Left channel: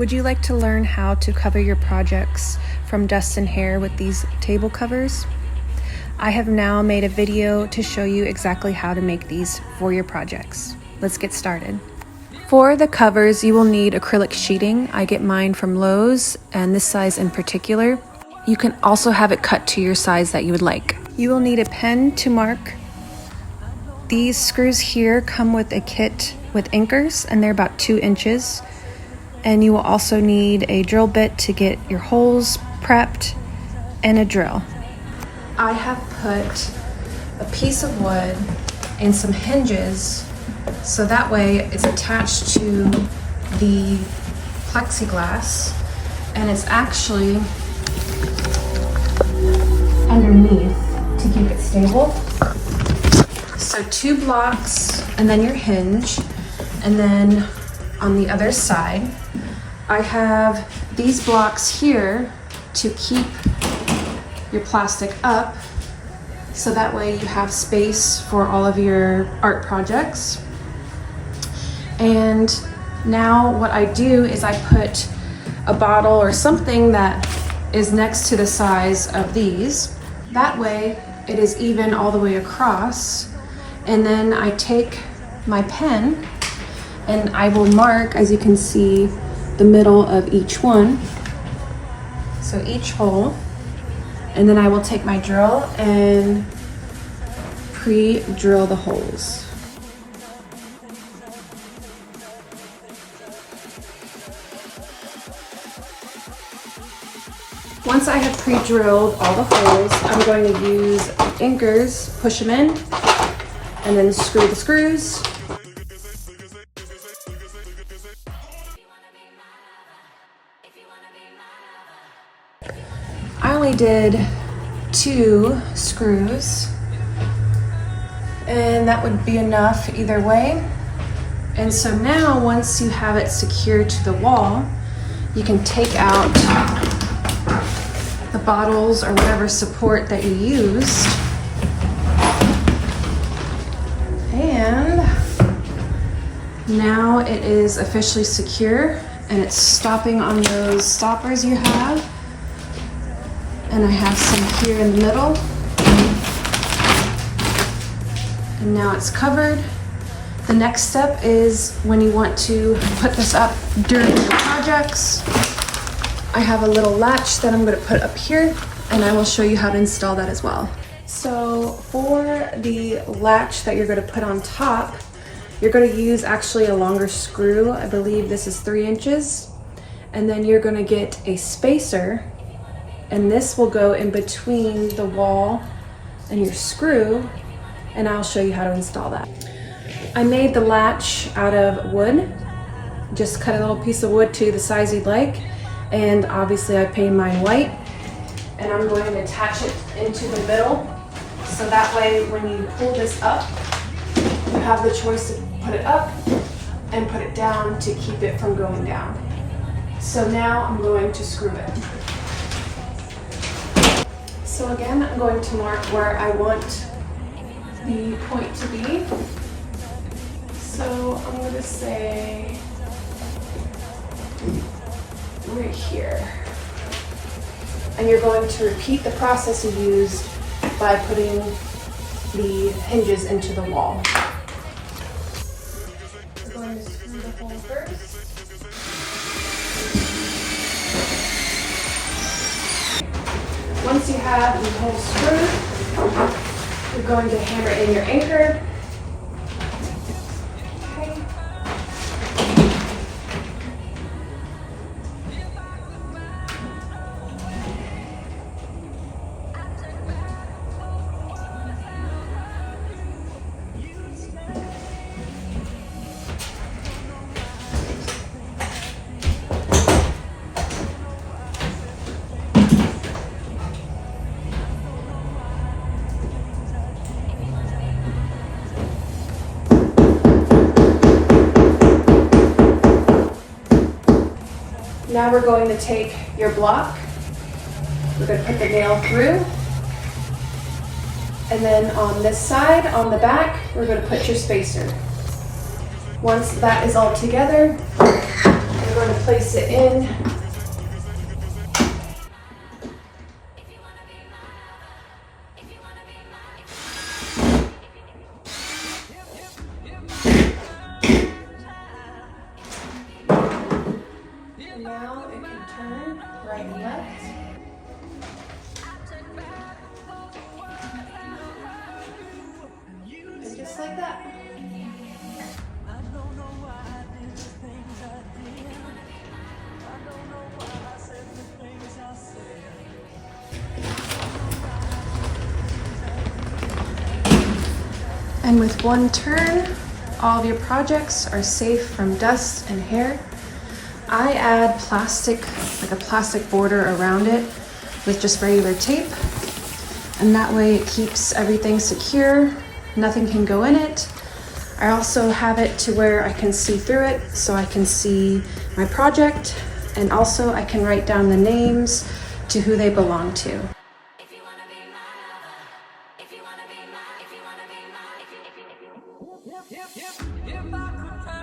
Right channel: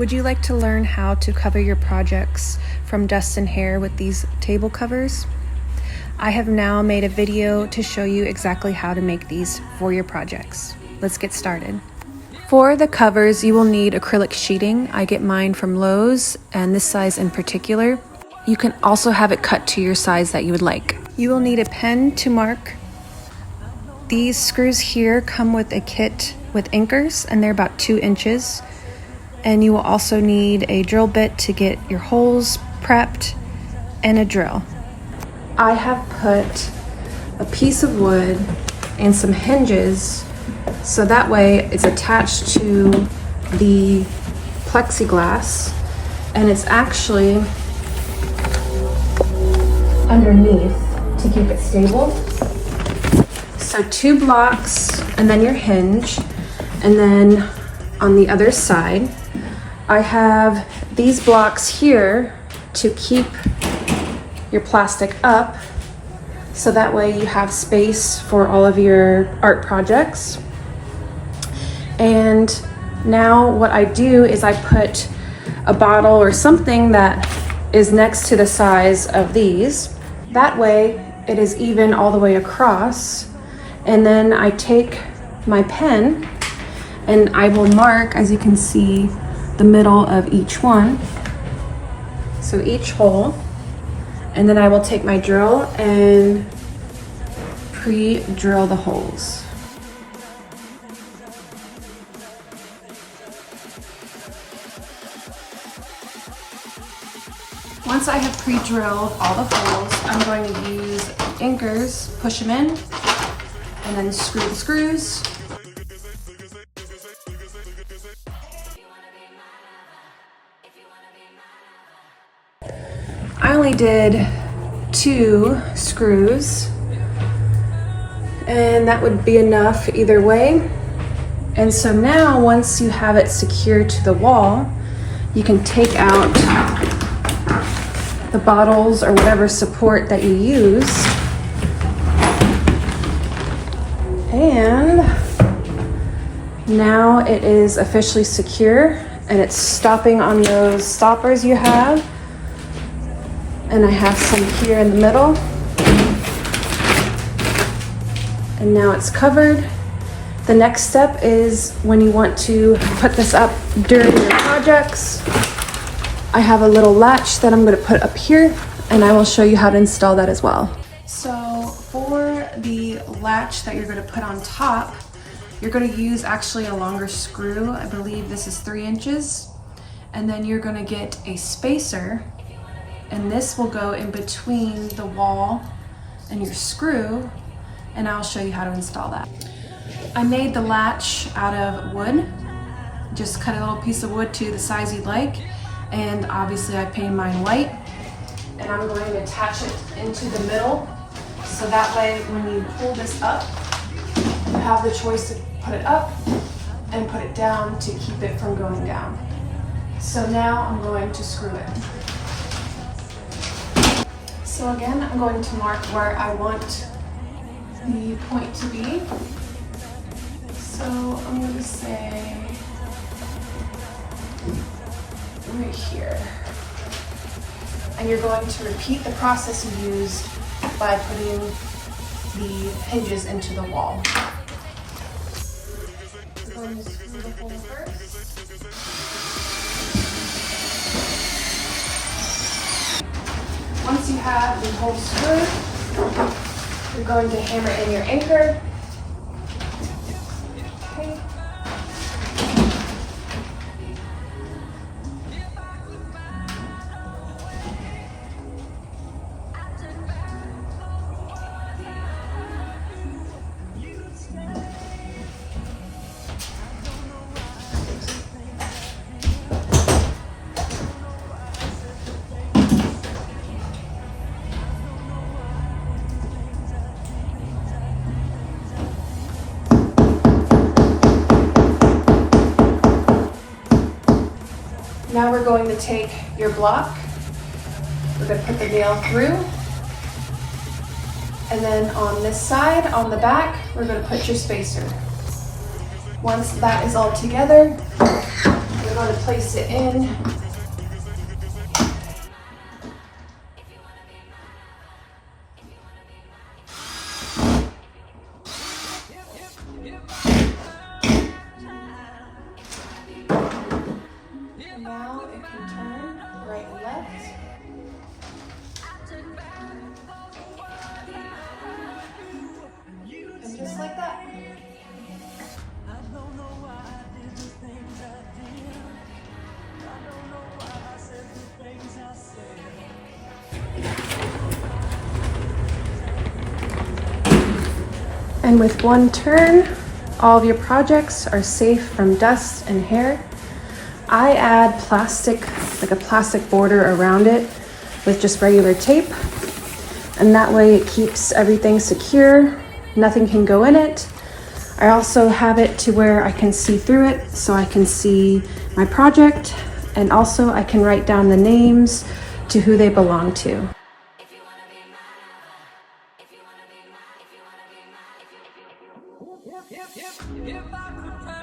Would you like to learn how to cover your projects from dust and hair with these table covers? I have now made a video to show you exactly how to make these for your projects. Let's get started. For the covers, you will need acrylic sheeting. I get mine from Lowe's, and this size in particular. You can also have it cut to your size that you would like. You will need a pen to mark. These screws here come with a kit with anchors, and they're about 2 inches. And you will also need a drill bit to get your holes prepped and a drill. I have put a piece of wood and some hinges so that way it's attached to the plexiglass and it's actually underneath to keep it stable. So 2 blocks and then your hinge, and then on the other side I have these blocks here to keep your plastic up so that way you have space for all of your art projects. And now what I do is I put a bottle or something that is next to the size of these. That way it is even all the way across. And then I take my pen and I will mark, as you can see, the middle of each one. So each hole. And then I will take my drill and pre-drill the holes. Once I have pre-drilled all the holes, I'm going to use anchors, push them in, and then screw the screws. I only did 2 screws, and that would be enough either way. And so now once you have it secured to the wall, you can take out the bottles or whatever support that you use. And now it is officially secure and it's stopping on those stoppers you have. And I have some here in the middle. And now it's covered. The next step is when you want to put this up during your projects. I have a little latch that I'm going to put up here, and I will show you how to install that as well. So for the latch that you're going to put on top, you're going to use actually a longer screw. I believe this is 3 inches. And then you're going to get a spacer, and this will go in between the wall and your screw, and I'll show you how to install that. I made the latch out of wood. Just cut a little piece of wood to the size you'd like, and obviously I painted mine white, and I'm going to attach it into the middle so that way when you pull this up, you have the choice to put it up and put it down to keep it from going down. So now I'm going to screw it. So again, I'm going to mark where I want the point to be. So I'm going to say right here. And you're going to repeat the process you used by putting the hinges into the wall. So I'm going to screw the hole first. Once you have the hole screwed, you're going to hammer in your anchor. Okay. Now we're going to take your block, we're going to put the nail through, and then on this side, on the back, we're going to put your spacer. Once that is all together, we're going to place it in. Now, if you turn right and left, and just like that. And with one turn, all of your projects are safe from dust and hair. I add plastic, like a plastic border around it with just regular tape. And that way it keeps everything secure. Nothing can go in it. I also have it to where I can see through it, so I can see my project, and also I can write down the names to who they belong to. If I could